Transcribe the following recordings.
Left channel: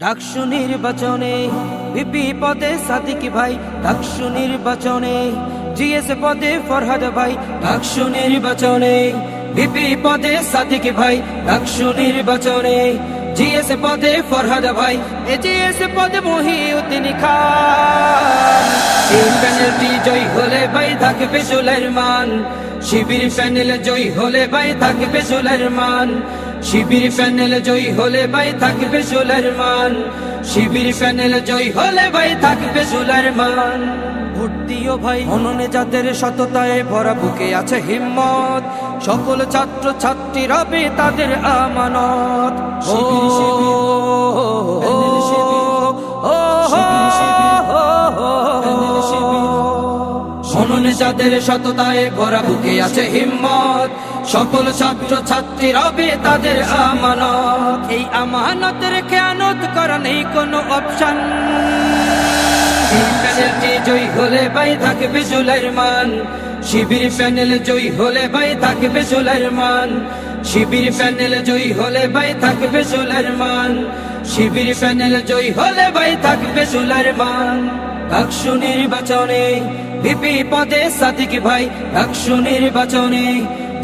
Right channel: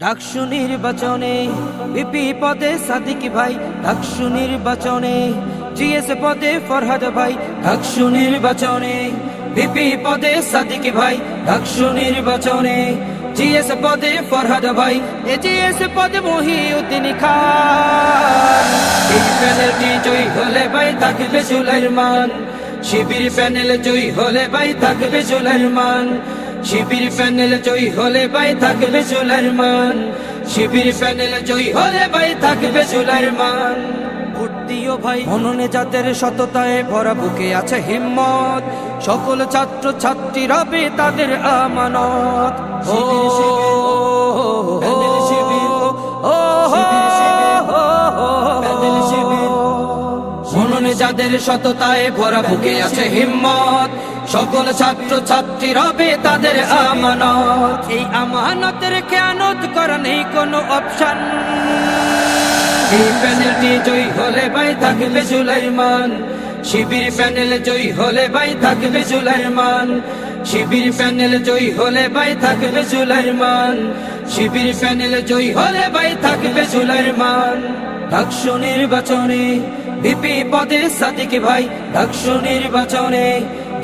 ডাকসু নির্বাচনে বিপি পদে সাদিক ভাই, ডাকসু নির্বাচনে জিএস পদে ফরহাদ ভাই, ডাকসু নির্বাচনে বিপি পদে সাদিক ভাই, ডাকসু নির্বাচনে জিএস পদে ফরহাদ ভাই, জিএস পদে মহিউদ্দিন খান। এই প্যানেলটি জয়ী হলে ভাই থাকবে সুলাইমান, শিবির প্যানেল জয়ী হলে ভাই থাকবে সুলাইমান, শিবির প্যানেল জয়ী হলে ভাই থাকবে সুলাইমান, শিবির প্যানেল জয়ী হলে ভাই থাকবে সুলাইমান। ভোট দিও ভাই মননে যাদের সততায় ভরা, বুকে আছে হিম্মত, সকল ছাত্র ছাত্রী রবে তাদের আমানত। মননে যাদের সততায় ভরা, বুকে আছে হিম্মত, সকল ছাত্র ছাত্রী রবে তাদের আমানত। এই আমানতের খেয়ানত করা নেই কোনো অপশন। এই প্যানেলটি জয়ী হলে ভাই থাকবে সুলাইমান, শিবির প্যানেল জয়ী হলে ভাই থাকবে সুলাইমান, শিবির প্যানেল জয়ী হলে ভাই থাকবে সুলাইমান, শিবির প্যানেল জয়ী হলে ভাই থাকবে সুলাইমান। ডাকসু নির্বাচনে বিপি পদে সাদিক ভাই, ডাকসু নির্বাচনে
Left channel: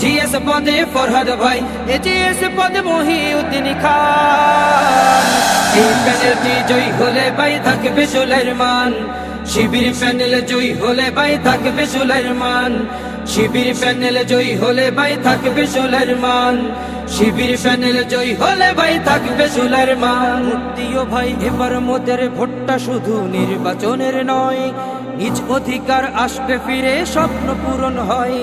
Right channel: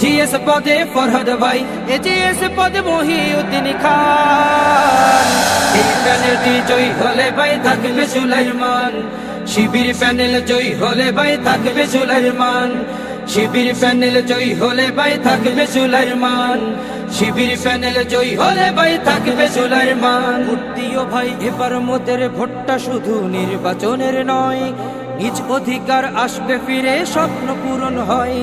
জিএস পদে ফরহাদ ভাই, জিএস পদে মহিউদ্দিন খান। এই প্যানেলটি জয়ী হলে ভাই থাকবে সুলাইমান, শিবির প্যানেল জয়ী হলে ভাই থাকবে সুলাইমান, শিবির প্যানেল জয়ী হলে ভাই থাকবে সুলাইমান, শিবির প্যানেল জয়ী হলে ভাই থাকবে সুলাইমান। ভোট দিও ভাই এবার মোদের ভোটটা শুধু নির্বাচনের নয়, নিজ অধিকার আসবে ফিরে, স্বপ্ন পূরণ হয়।